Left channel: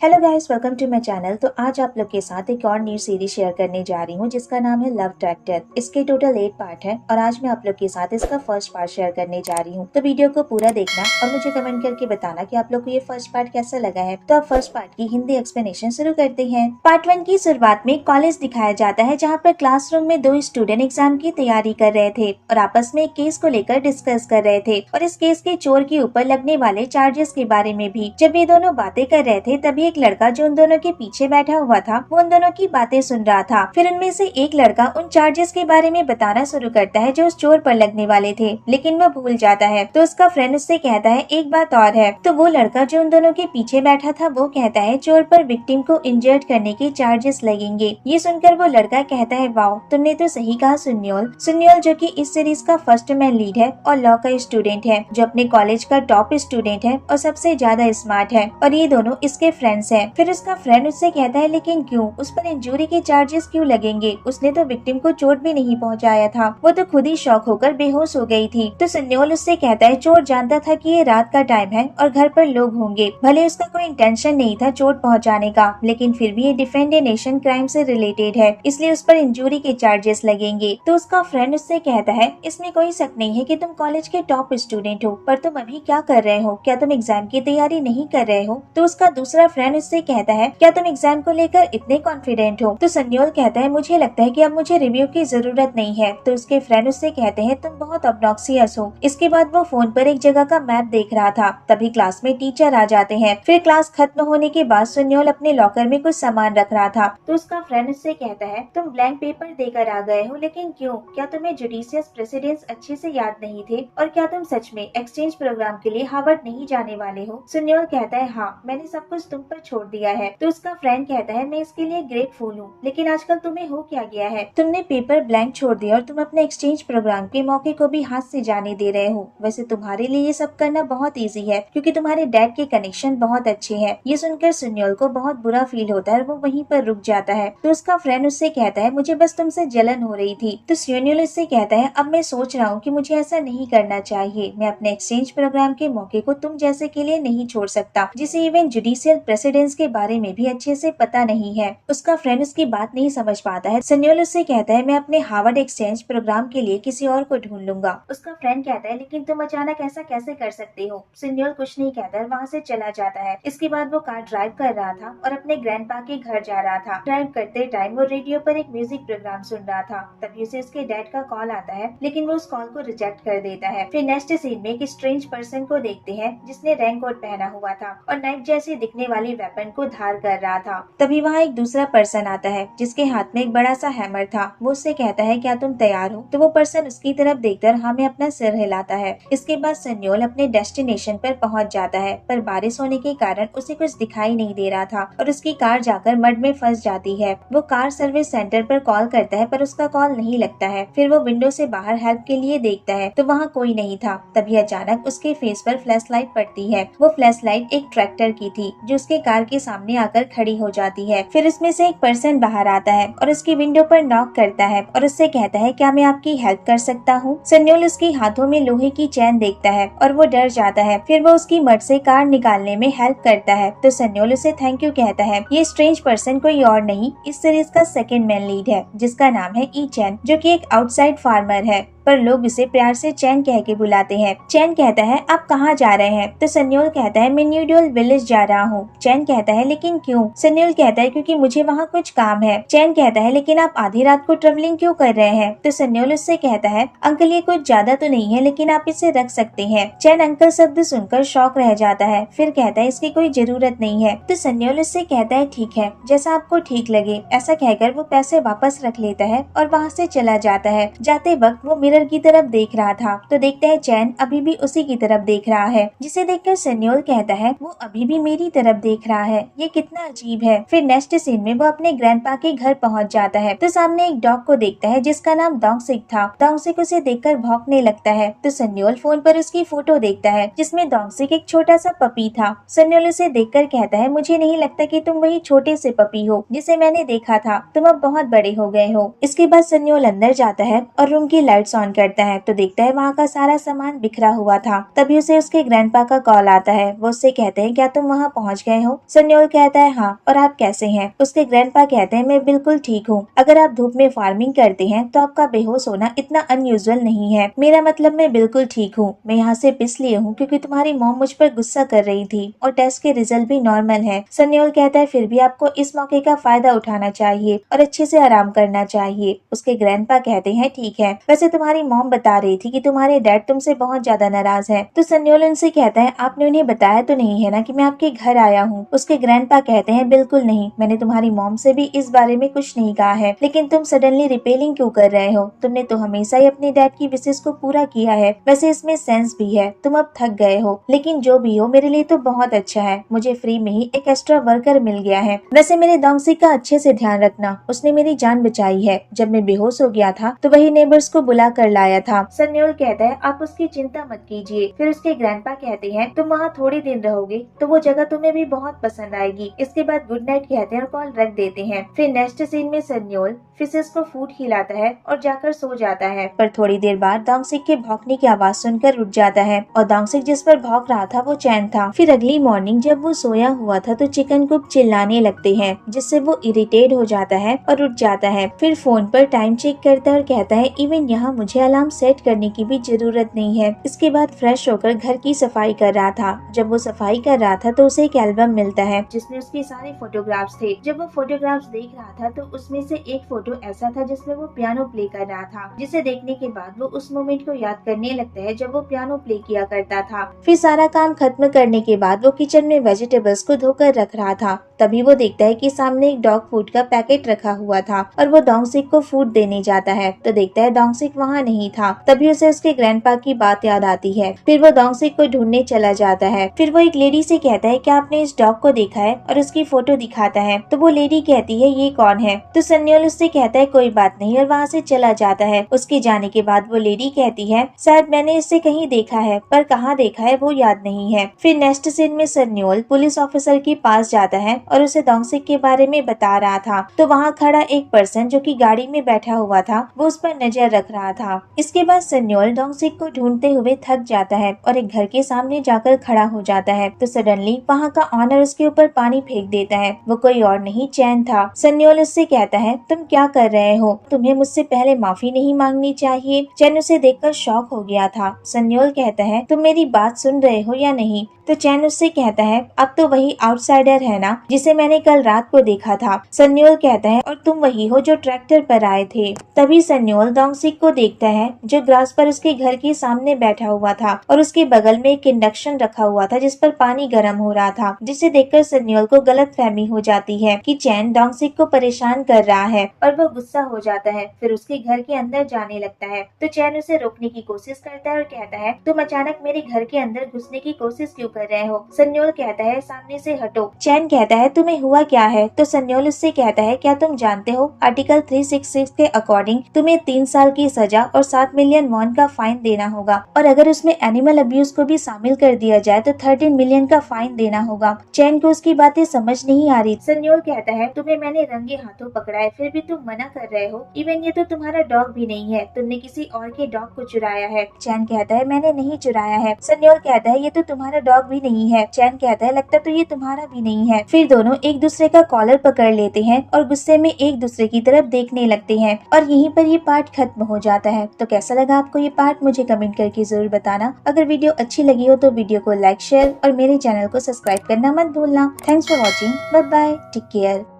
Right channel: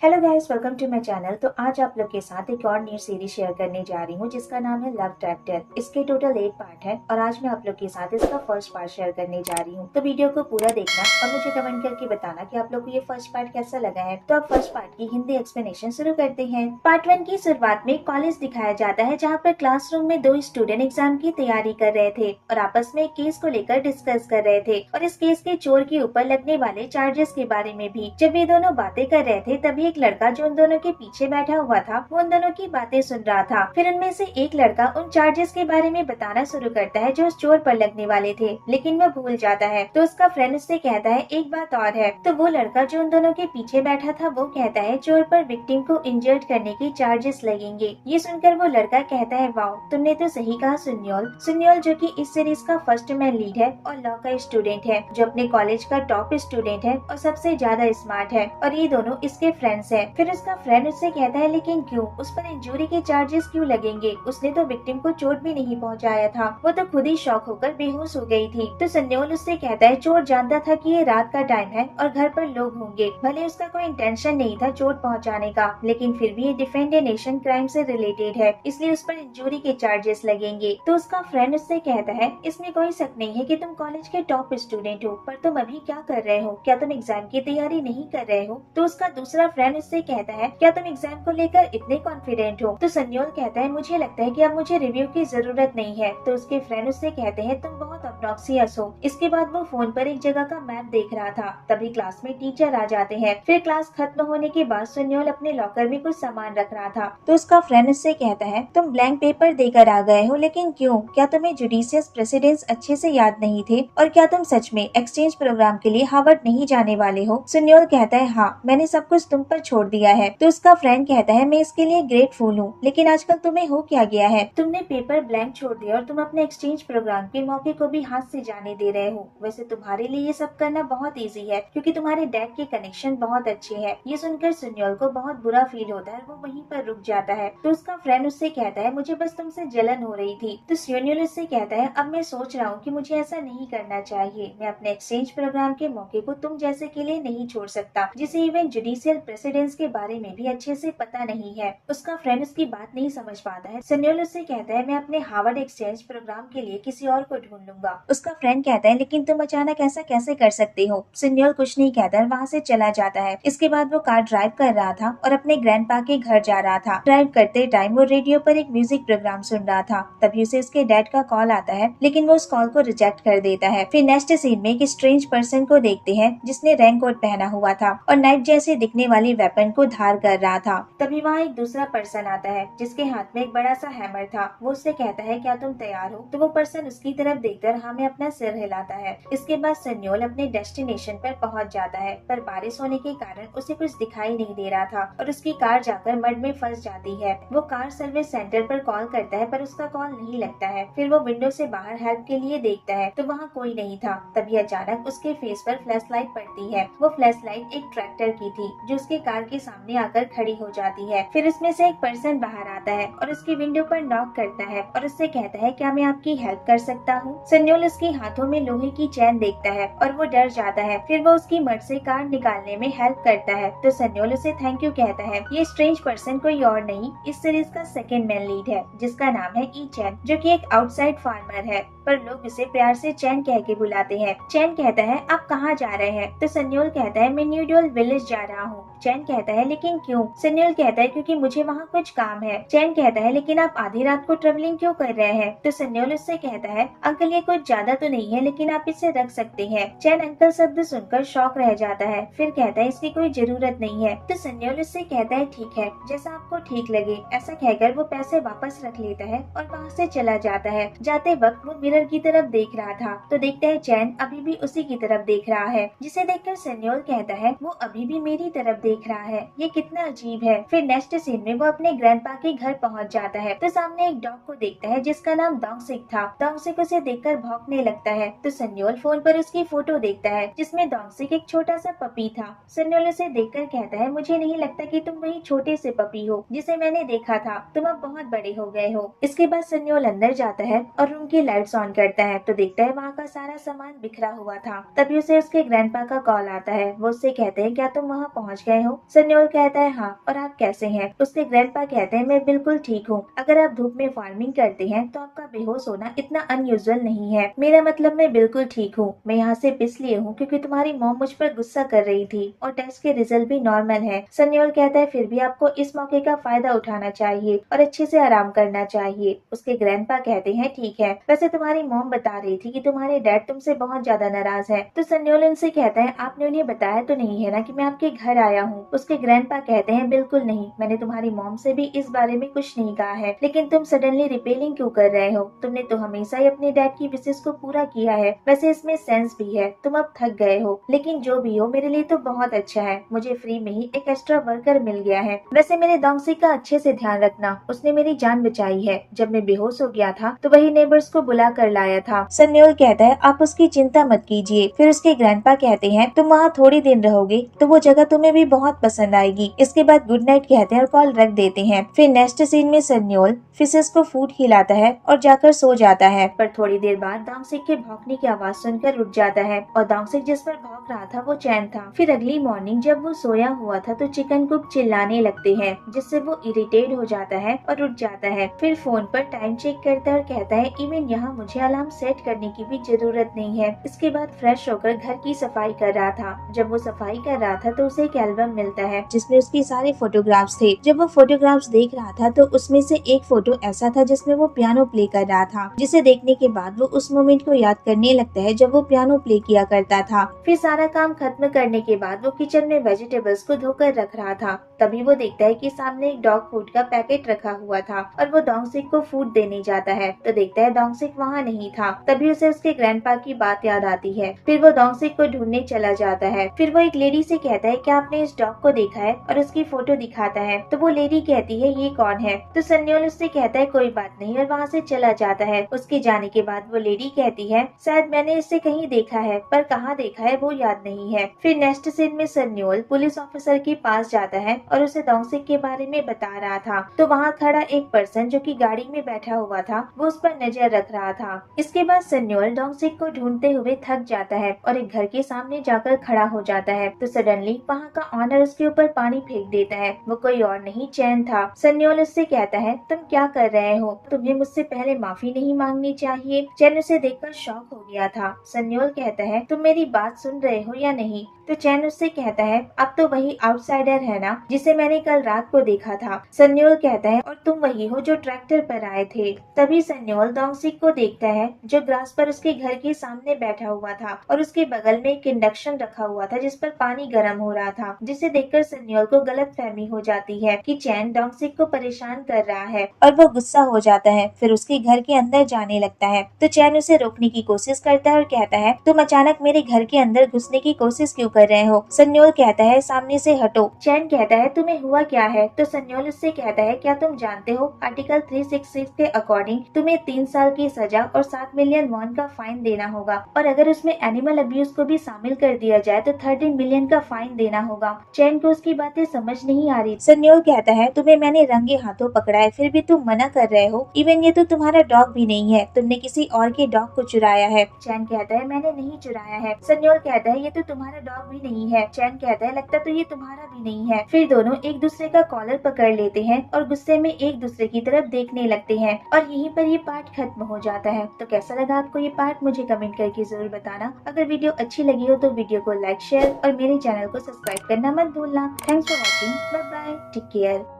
Hello guys, welcome to my channel. तो आज आप लोग के साथ एक और न्यू सीरीज शेयर करने जा रही हूँ जिसका नाम है लव ट्रैक्टर। इसके टोटल 8 पार्ट है और आज मैं आप लोग के साथ इसका फर्स्ट पार्ट शेयर करने जा रही हूँ। तो वीडियो को पूरा देखना और मुझे कमेंट करके बताना कि आप लोग को ये फर्स्ट पार्ट कैसा लगा है। तो अब फर्स्ट पार्ट की हिंदी एक्सप्लेनेशन शुरू करते हैं। पार्ट 1 की शुरुआत में कॉलेज दिखाया जाता है जहाँ पर क्लासरूम में 2 स्टूडेंट एग्जाम की तैयारी कर रहे थे और आपस में एक केस को लेकर डिस्कस कर रहे थे और इस केस के चोर के ऊपर लगने वाले चार्जेस के बारे में भी। जब ये दोनों बातें कर रहे थे तभी एक लड़का जो उन दोनों के पीछे बैठा हुआ था वो उन दोनों की बातें सुन रहा था। फिर उनमें से एक लड़का उन चार्जेस के बारे में बताना शुरू करता है जो उस चोर पर लगने वाले थे, लेकिन वह भूल जाता है। तो उसका फ्रेंड उससे कहता है एक बात और है। तो वो लड़का जो उन दोनों के पीछे बैठा था वो कहता है चोर पर विक्टिम को इंजर्ड करने के चार्जेस लगेंगे। ये सुनकर वो लड़का कहता है वाओ, तुमने तो सही कहा सुन्योल। सुन्योल जो कि इस सीरीज का फर्स्ट मैन लीड है और लॉ का स्टूडेंट है, जो अपने कॉलेज का टॉप स्टूडेंट है और सबसे ज्यादा स्मार्ट है, और ये दोनों इसके फ्रेंड्स हैं। फिर उसका फ्रेंड उससे कहता है लेकिन क्यों, उस पर इंजरी के चार्जेस क्यों लगेंगे, उसने तो विक्टिम को चोट भी नहीं पहुंचाया था, वो तो खुद ही शॉक होकर बेहोश हो गई थी। तो सन्योल उससे कहता है चोर जानता था कि ये रात का टाइम है और घर पर लोग होंगे, भले उसका कोई इंटेंशन नहीं था चोट पहुंचाने का, लेकिन फिर भी ये डिफेंड ए नेशन क्राइम से रिलेटेड है, इसलिए उस पर इंजरी के चार्जेस लगेंगे। तो उसका फ्रेंड उससे कहता है इसमें कोई शक नहीं है कि तुम कॉलेज के टॉप स्टूडेंट हो, पर तुम अभी क्या कर रहे हो, क्या तुम एग्जाम की तैयारी नहीं कर रहे हो। तो उसका दूसरा फ्रेंड उससे कहता है क्या तुम एग्जाम को लेकर इतने कॉन्फिडेंट हो। तो सन्योल कहता है मुझे लगता है कि अब मुझे रिव्यू की जरूरत नहीं है। तो उसके फ्रेंड उससे कहते हैं तुम बहुत ऑब्नॉक्सियस हो। इसके बाद वो फोन पर एक जगह का मैप देख रहा था, तभी क्लास में टीचर आ जाते हैं। फिर क्लास खत्म होने के बाद सन्योल अपने लॉकर में कुछ सामान रख रहा था। तो उसका फ्रेंड उससे कहता है तुम ब्लैंक पेपर देकर आ गए हो, लेकिन क्यों, क्या तुम्हें जुडिशियस प्रेसिडेंट्स अच्छे से याद नहीं थे, और क्या तुम सच में एक्सचेंज प्रोग्राम के लिए हार्वर्ड नहीं जाने वाले हो। सन्योल कहता है हाँ, मैंने सब कुछ तुम पर छोड़ दिया है। तो उसका फ्रेंड कहता है मैं इसके लिए ग्रेटफुल हूँ, लेकिन आजकल तुम्हें हो क्या गया है, तुमने पेपर ब्लैंक छोड़ दिया और तुम अपने एक्सचेंज प्रोग्राम के मौके को भी हाथ से जाने दे रहे हो। वैसे तुम्हारे लिए ये सब करना बहुत इजी है क्योंकि तुम्हारे डैड के कनेक्शन बहुत अच्छे हैं। ये सुनकर सुन्योल को बहुत बुरा फील होता है और वो वहीं पर रुक जाता है। तो उसका फ्रेंड उससे कहता है मुझे बस तुमसे जलन हो रही थी। तो सुन्योल उससे कहता है अब मैं सोच रहा हूँ कि मुझे ऐसा नहीं करना चाहिए, मैं अपने एक्सचेंज प्रोग्राम के मौके को तुम जैसे के लिए नहीं छोड़ सकता जिसे इवन जुडिशियल प्रेसिडेंट्स के बारे में भी अच्छे से पता नहीं है। उसका फ्रेंड उसकी बात नहीं समझ पाता है। सन्योल उससे कहता है मैं अपने हार्वर्ड एक्सचेंज प्रोग्राम के लिए किसी और को ढूंढ लूंगा। उसका फ्रेंड कहता है लेकिन तुम अचानक ऐसा कैसे कर सकते हो। सन्योल कुछ नहीं कहता है, वहाँ से चला जाता है। इसके बाद वो कार ड्राइव कर रहा था और अपने ग्रैंडपा के घर जा रहा था। ड्राइव करते टाइम वो रेडियो पर एक म्यूजिक प्रोग्राम सुन रहा था, तभी उसे उसके डैड का कॉल आता है, लेकिन वो उस कॉल को रिजेक्ट कर देता है। फिर नेक्स्ट सीन में एक स्ट्रेंज पर्सन को देखते हैं जिसने रैंक कोट पहना हुआ था और नाइफ जैसे दिखने वाली वेपन को धार कर रहा था। तभी वहाँ एक दूसरा पर्सन आता है जिसके हाथ में एक बड़ा सा हैमर था। वो उससे कहता है क्या तुम तैयार हो। तो वो पर्सन उसकी तरफ देखकर हमें अपना सिर हिलाता है। इसके बाद सन्योल अपने डेस्टिनेशन पर पहुंच जाता है, पर बारिश होने के कारण उसे कुछ दिखाई नहीं दे रहा था और उसकी कार जाकर मड में फंस जाती है। वो कार सर्विस सेंटर पर कॉल करता है पर उसका कॉल नहीं लगता है। फिर वो विंडो से बाहर हेल्प के लिए देखता है तो वहाँ कोई नहीं था। तभी अचानक उसके फेस पर फ्लैश लाइट पड़ती है। वो फ्लैश लाइट एक ट्रैक्टर की थी जो उसके कार के सामने आकर खड़ी हो जाती है। फिर उसमें से एक पर्सन बाहर आता है और उसकी विंडो पर नॉक करता है और उससे कहता है क्या मैं आपकी हेल्प कर सकता हूँ। सन्योल उसके हाथों में लोहे की चैन देखता है और वो डर जाता है। फिर वो उसकी मड से कार निकालने में हेल्प करता है। तो सन्योल उसे थैंक यू कहता है। ये स्ट्रेंज पर्सन कोई और नहीं, इस सीरीज का सेकंड मैन लीड है जिसका नाम है ई चैन, जो कि एक आउटसाइड फार्मर है, पर लोग इसे प्यार से चैन कह के बुलाते हैं। चैन कहता है आप कहाँ जा रहे हैं। तो सन्योल कहता है मैं न्यूडल विलेज जा रहा हूँ। चैन कहता है लेकिन क्यों। सन्योल कहता है क्योंकि मुझे वहाँ कुछ काम है। चैन कहता है लेकिन आप आधी रात को ट्रेवलिंग क्यों कर रहे हैं। तो सन्योल उससे कहता है अंकल ये कुछ ज्यादा तो नहीं है, लेकिन आप इसे रख सकते हैं। चैन अंकल शब्द सुनकर शॉक रह जाता है, फिर कहता है इसकी कोई जरूरत नहीं है। तो सन्योल उससे कहता है ठीक है, जैसा आपको ठीक लगे। ऐसा कहकर वो पैसे वापस रख लेता है और वहाँ से चला जाता है। जाते वक्त वो मिरर की तरफ देख रहा था तो देखता है चैन अभी भी उसी की तरफ देख रहा है, जिसे देखकर सन्योल कहता है वो अभी भी मेरी तरफ देख रहा है, ये कितना अजीब है। फिर नेक्स्ट सीन में वो अपने ग्रैंडपा के घर पहुंच जाता है तो सामने एक डॉग को देखता है जिसका नाम डोंगसिक था। डोंगसिक उसे देखकर भौंकने लगता है तो सन्योल फोन पर उसकी फोटो देखता है जिसमें डोंगसिक एक छोटा सा पपी था। सन्योल उसे देखकर कहता है मुझे नहीं लगता कि तुम वही छोटे से पपी हो जिसे मैंने देखा था, तुम अब बहुत बड़े हो गए हो। इसके बाद सन्योल अंदर जाता है और रूम की लाइट्स ऑन करता है तो देखता है वहाँ का सारा सामान बिखरा हुआ था। तभी उसे उसके ग्रैंडपा का कॉल आता है। वो उससे कहते हैं क्या तुम वहाँ पहुँच गए हो? सन्योल कहता है हाँ, और आप कैसे हैं? उसके ग्रैंडपा कहते हैं मैं बिल्कुल ठीक हूँ। अगर आप धूप में फार्मिंग करते हैं तो आपका बेहोश होना इतना अनयूजुअल नहीं है। मेरा मतलब मैं बिल्कुल ठीक हूँ। मैं यहाँ से इसलिए हूँ क्योंकि तुम्हारी मॉम मुझ पर गुस्सा कर रही थी और टेस्ट के रिजल्ट भी नॉर्मल है। सन्योल कहता है फिर भी आपको इस मौके का फायदा उठाना चाहिए और अच्छे से आराम करना चाहिए। उसके ग्रैंडपा कहते हैं ठीक है, वैसे तुम्हारी मॉम बता रही थी कि तुम्हारे डैड तुमसे बहुत ज्यादा नाराज है। तो सन्योल उनसे कहता है आपने उन्हें बताया तो नहीं है ना कि मैं आपके घर आया हूँ? उसके ग्रैंडपा कहते हैं बिल्कुल नहीं, मैंने तुम्हारी मॉम से भी इस बारे में कुछ नहीं कहा है, लेकिन तुम सडनली रिपेलिंग क्यों कर रहे हो? तुमने तो हमेशा ही अपने डैड की विशेष को पूरा किया है, वैसे इसमें सेंस भी है। तुम अब थक गए हो, लेकिन जो भी हो मेरे लिए तो बहुत अच्छा है, मुझे फ्री में ही एक एक्स्ट्रा वर्कर मिल गया है। वैसे मेरे डोंगसिक का अच्छे से ध्यान रखना, उसने मेरी जान बचाई है। जब मैं बेहोश हो गया था तो वही नेबर्स को बुला कर लाया था। सन्योल कहता है आप उसकी चिंता मत कीजिए। फिर उसके ग्रैंडपा कहते हैं तुम वहाँ थोड़ी दिन रहोगे तो वो जगह तुम्हें भी बहुत पसंद आएगी। इसके बाद गुड नाइट कहते हैं और कॉल रख देते हैं। फिर नेक्स्ट सीन में सन्योल फिशेस को फूड खिलाता है और जाकर सो जाता है, पर थोड़ी देर बाद डोंगसिक के भौंकने की आवाज सुनकर उठ जाता है और डोंगसिक जिस पर भौंक रहा था वो चैन था। फिर अगली मॉर्निंग जब वो सोया हुआ था तो चिकन कुक चिल्लाने लगते हैं, जिससे वो इरिटेट हो जाता है और उठ जाता है। फिर फोन पर टाइम चेक करता है और कहता है इवन यहाँ मुझे अलार्म सेट करने की भी जरूरत नहीं है। इसके बाद फ्रेश होकर घर की सफाई कर रहा था। जब वो सफाई कर रहा था तो उसे एक एल्बम मिलता है जिसमें उसके सारे फोटोग्राफ्स थे। जब वो फोटोग्राफ्स देख रहा था तो उसमें से एक फोटो ऐसा था जिसमें वो पियानो प्ले कर रहा था, जिसे देखने के बाद वो उस मोमेंट को याद करने लगता है जब वो पियानो प्ले किया करता था। फिर सारा काम खत्म करने के बाद वो किचन में वेजिटेबल्स को धोकर रख रहा था। तभी वो देखता है कि सामने एक डॉग फूड का पैकेट रखा हुआ था और वो डोंगसिक को फूड देने जाता है तो देखता है डोंगसिक वहाँ नहीं था। तभी उसे उसके ग्रैंडपा की बात याद आती है। फिर वो डोंगसिक को ढूंढने चला जाता है। फिर वो एक लेडी से कहता है क्या आपने इस डॉग को देखा है, और उसकी फोटो दिखाता है। तो वो लेडी कहती है ये कौन है? तो सन्योल उससे कहता है कोई बात नहीं और वहाँ से चला जाता है। उसके जाने के बाद वो लेडी कहती है शायद मैंने इससे कहीं देखा है, पर कहाँ देखा है वो याद नहीं है। फिर नेक्स्ट सीन में सन्योल पुलिस ऑफिसर के पास जाता है और उसे डोंगसिक के बारे में बता रहा था। तो वहाँ खड़ा एक पर्सन जो कि गाड़ी में बैठा हुआ था वो उस पर नजर रख रहा था। इसके बाद सन्योल डोंगसिक को ढूंढते हुए थक जाता है और एक घर के सामने जाकर खड़ा हो जाता है। तो सडनली वहाँ का ऑनर उसके ऊपर पानी फेंक देता है। वो कोई और नहीं चैन था। सन्योल उससे कहता है तुम क्या कर रहे हो? तुम्हें मुझसे पहले माफी नहीं मांगनी चाहिए। चैन उसे देखकर शॉक हो गया था। सन्योल कहता है तुम मेरी बात सुन रहे हो या नहीं? तो चैन उससे कहता है अब तो वही आउटसाइडर है ना जिसे मैंने कल रात को देखा था। सन्योल कहता है और तुम वही हो जो ट्रैक्टर पर आए थे। तभी सन्योल डोंगसिक को देखता है जो ग्रास पर उसके घर के सामने बैठा हुआ था और उसके बगल में एक इंडक्शन रखा हुआ था जिस पर पानी गर्म हो रहा था, जिसे देखकर सन्योल को गलतफहमी हो जाती है कि चैन डोंगसिक को परेशान कर रहा है और वो गुस्सा हो जाता है। फिर उसके घर के अंदर जाने लगता है तो चैन उसे रोकने की कोशिश करता है और कहता है तुम अचानक मेरे घर के अंदर घुसने की कोशिश क्यों कर रहे हो? सन्योल कहता है सामने से हटो। चैन कहता है तुम्हें हुआ क्या है? तो सन्योल उससे कहता है क्या तुम जानते हो आर्टिकल 366 के अकॉर्डिंग तुम्हें 3 साल की सजा और 7 मिलियन वॉन का फाइन देना होगा, और अगर उसमें एनिमल अब्यूज को भी शामिल कर दिया जाए तो 13 मिलियन का फाइन देना होगा। चैन को उसकी बातें समझ नहीं आ रही। सन्योल कहता है तुम्हें मैंने रंगे हाथों पकड़ा है फिर भी तुम मना कर रहे हो। इवन ये तो तुम्हारा डॉग भी नहीं है, तुमने किसी और के डॉग को चुराया है। चैन कहता है मैंने नहीं चुराया है। सन्योल कहता है ये तो तुम्हारा डॉग भी नहीं है। चैन कहता है लगता तो ये तुम्हारा भी नहीं है। फिर दोनों एक दूसरे का कॉलर पकड़ लेते हैं और गुस्से में एक दूसरे की तरफ देखने लगते हैं और यहीं पर ये पार्ट खत्म हो जाता है। तो कैसा लगा आपको ये पार्ट मुझे कमेंट करके जरूर बताना। अगर वीडियो अच्छी लगी हो तो वीडियो को लाइक शेयर और मेरे चैनल को सब्सक्राइब करना मत भूलना। Thanks for watching. Bye bye, take care.